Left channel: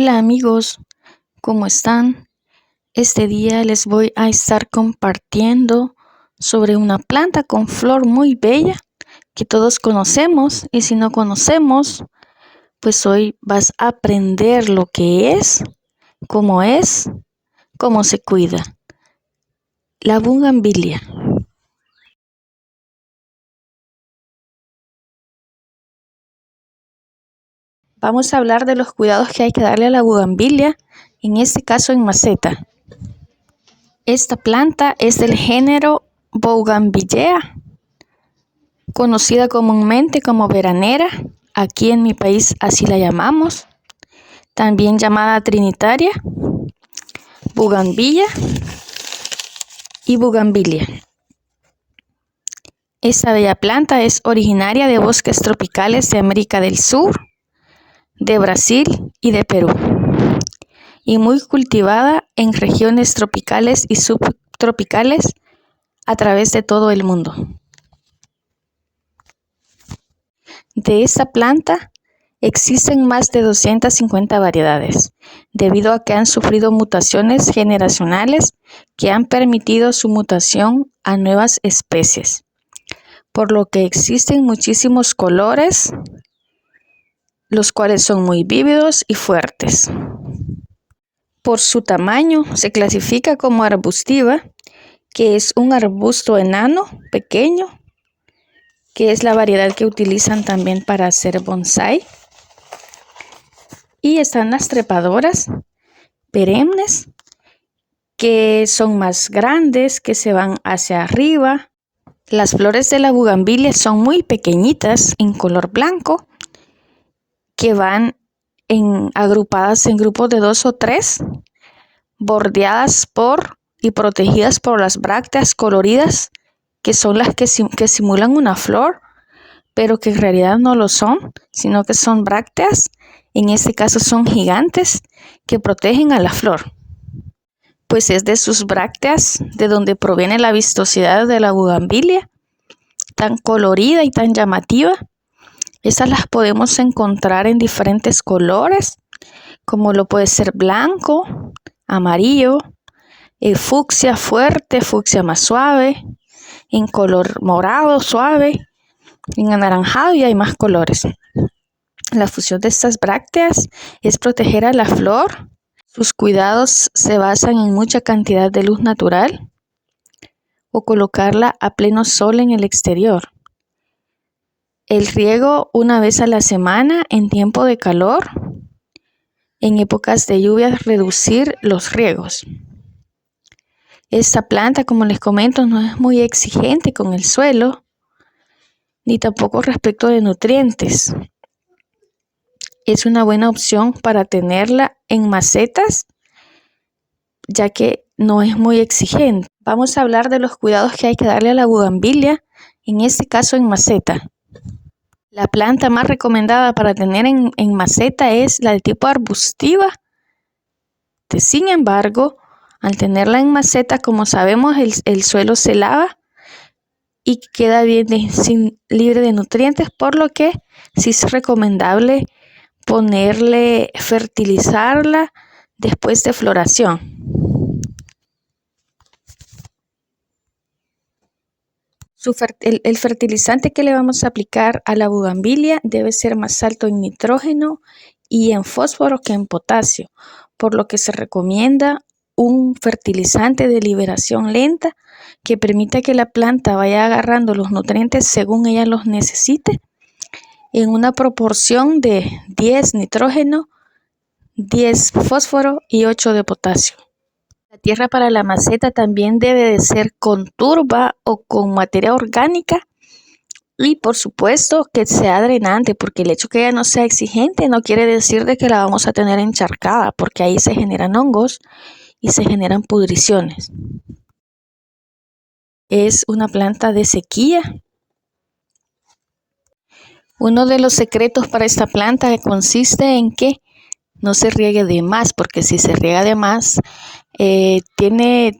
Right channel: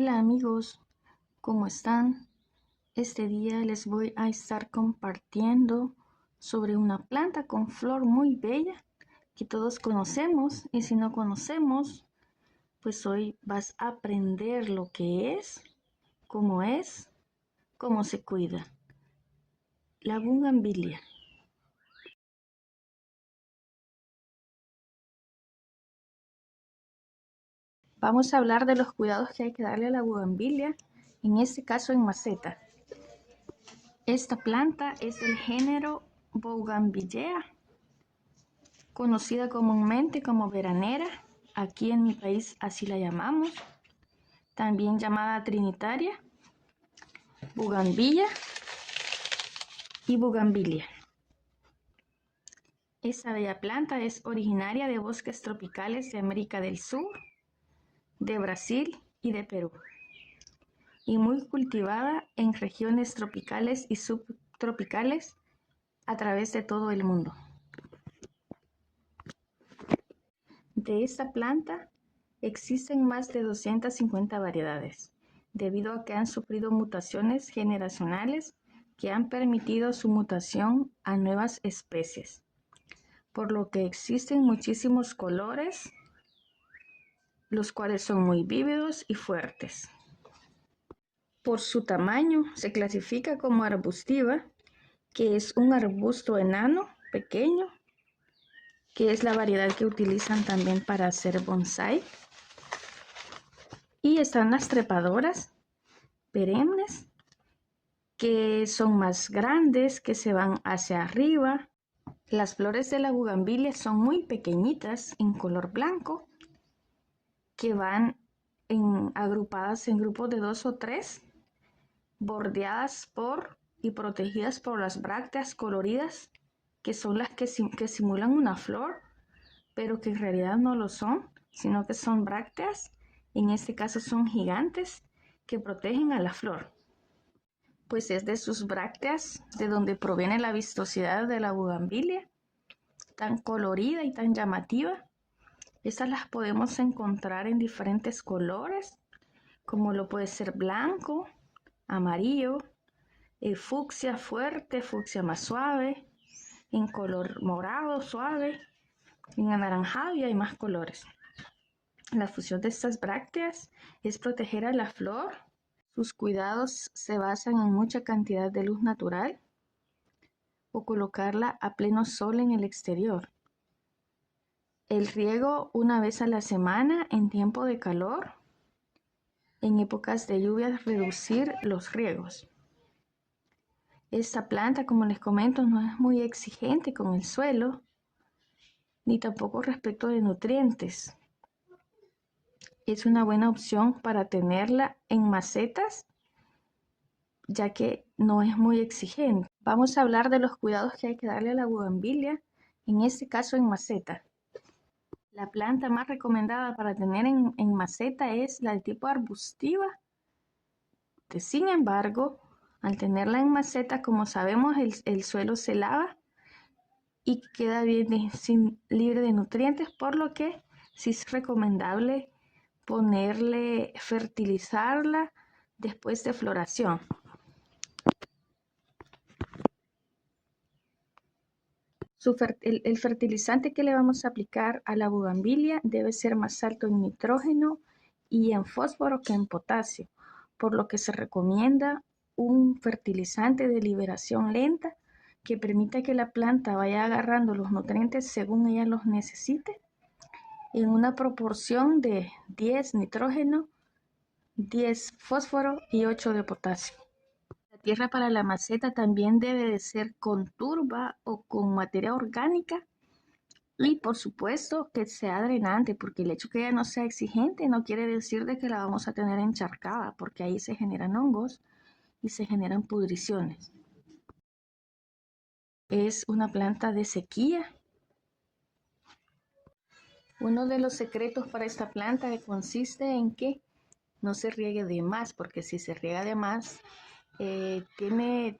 Hola amigos, ¿cómo están? Este día les voy a estar compartiendo sobre una planta con flor muy bella que todos conocemos, y si no conocemos, pues hoy vas a aprender lo que es, cómo se cuida. La bugambilia. Vamos a hablar de los cuidados que hay que darle a la bugambilia, en este caso en maceta. Esta planta es del género Bougainvillea, conocida comúnmente como veranera. Aquí en mi país así la llamamos. También llamada trinitaria, bugambilla y bugambilia. Esta bella planta es originaria de bosques tropicales de América del Sur, de Brasil y de Perú, y muy cultivada en regiones tropicales y subtropicales a través de todo el mundo. De esta planta existen más de 250 variedades, debido a que han sufrido mutaciones generacionales que han permitido su mutación a nuevas especies, por lo que existen muchísimos colores, los cuales son muy vívidos y fuertes. Por su tamaño se clasifica como arbustiva, que es un arbusto enano, pequeño, que es la variedad que utilizan también para hacer bonsái. Y están las trepadoras perennes, que son más grandes, que se van hacia arriba. Las flores de la bugambilia son muy pequeñitas, en color blanco, que van agrupadas en grupos de 2 o 3, bordeadas y protegidas por las brácteas coloridas, que son las que simulan una flor, pero que en realidad no lo son, sino que son brácteas. En este caso son gigantes que protegen a la flor, pues es de sus brácteas de donde proviene la vistosidad de la bugambilia, tan colorida y tan llamativa. Esas las podemos encontrar en diferentes colores, como lo puede ser blanco, amarillo, fucsia fuerte, fucsia más suave, en color morado suave, en anaranjado, y hay más colores. La función de estas brácteas es proteger a la flor. Sus cuidados se basan en mucha cantidad de luz natural o colocarla a pleno sol en el exterior. El riego una vez a la semana en tiempo de calor. En épocas de lluvias, reducir los riegos. Esta planta, como les comento, no es muy exigente con el suelo, ni tampoco respecto de nutrientes. Es una buena opción para tenerla en macetas, ya que no es muy exigente. Vamos a hablar de los cuidados que hay que darle a la bugambilia, en este caso en maceta. La planta más recomendada para tener en maceta es la de tipo arbustiva. Sin embargo, al tenerla en maceta, como sabemos, el suelo se lava y queda bien libre de nutrientes, por lo que sí es recomendable fertilizarla después de floración. El fertilizante que le vamos a aplicar a la bugambilia debe ser más alto en nitrógeno y en fósforo que en potasio, por lo que se recomienda un fertilizante de liberación lenta que permita que la planta vaya agarrando los nutrientes según ella los necesite, en una proporción de 10 nitrógeno, 10 fósforo y 8 de potasio. La tierra para la maceta también debe de ser con turba o con materia orgánica, y por supuesto que sea drenante, porque el hecho que ella no sea exigente no quiere decir de que la vamos a tener encharcada, porque ahí se generan hongos y se generan pudriciones. Es una planta de sequía. Uno de los secretos para esta planta consiste en que no se riegue de más, porque si se riega de más,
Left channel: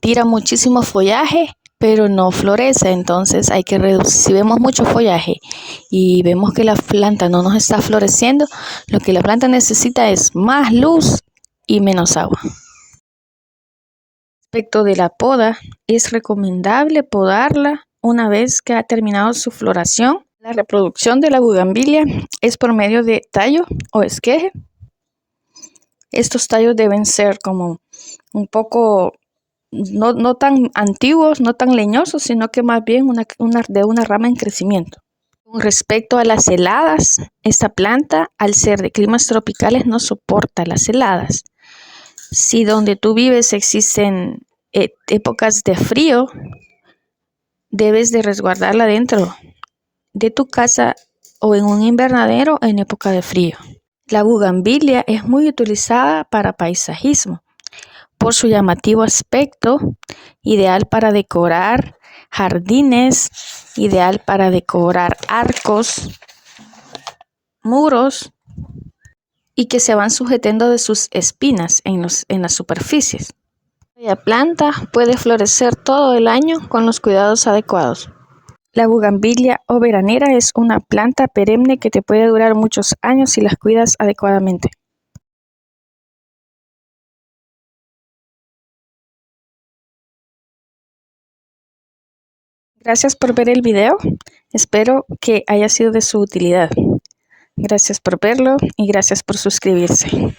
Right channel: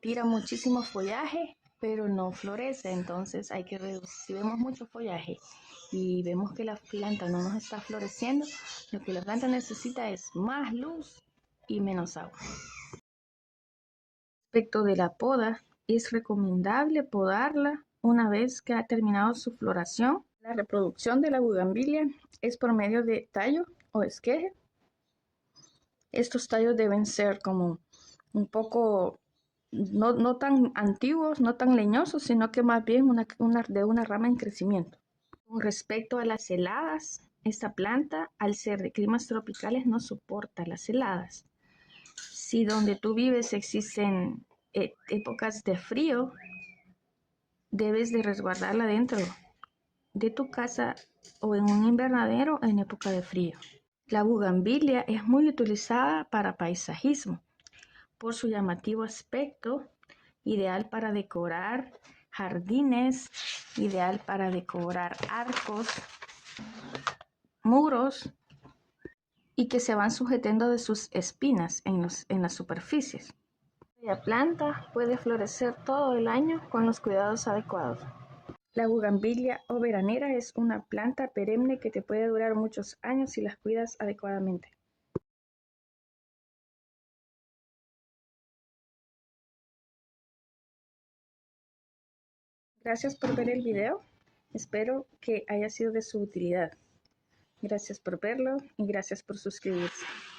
tira muchísimo follaje, pero no florece. Entonces hay que reducir. Si vemos mucho follaje y vemos que la planta no nos está floreciendo, lo que la planta necesita es más luz y menos agua. Respecto de la poda, es recomendable podarla una vez que ha terminado su floración. La reproducción de la bugambilia es por medio de tallo o esqueje. Estos tallos deben ser como un poco, no tan antiguos, no tan leñosos, sino que más bien de una rama en crecimiento. Con respecto a las heladas, esta planta, al ser de climas tropicales, no soporta las heladas. Si donde tú vives existen épocas de frío, debes de resguardarla dentro de tu casa o en un invernadero en época de frío. La bugambilia es muy utilizada para paisajismo por su llamativo aspecto, ideal para decorar jardines, ideal para decorar arcos, muros y que se van sujetando de sus espinas en las superficies. La planta puede florecer todo el año con los cuidados adecuados. La bugambilia o veranera es una planta perenne que te puede durar muchos años si las cuidas adecuadamente. Gracias por ver el video. Espero que haya sido de su utilidad. Gracias por verlo y gracias por suscribirse.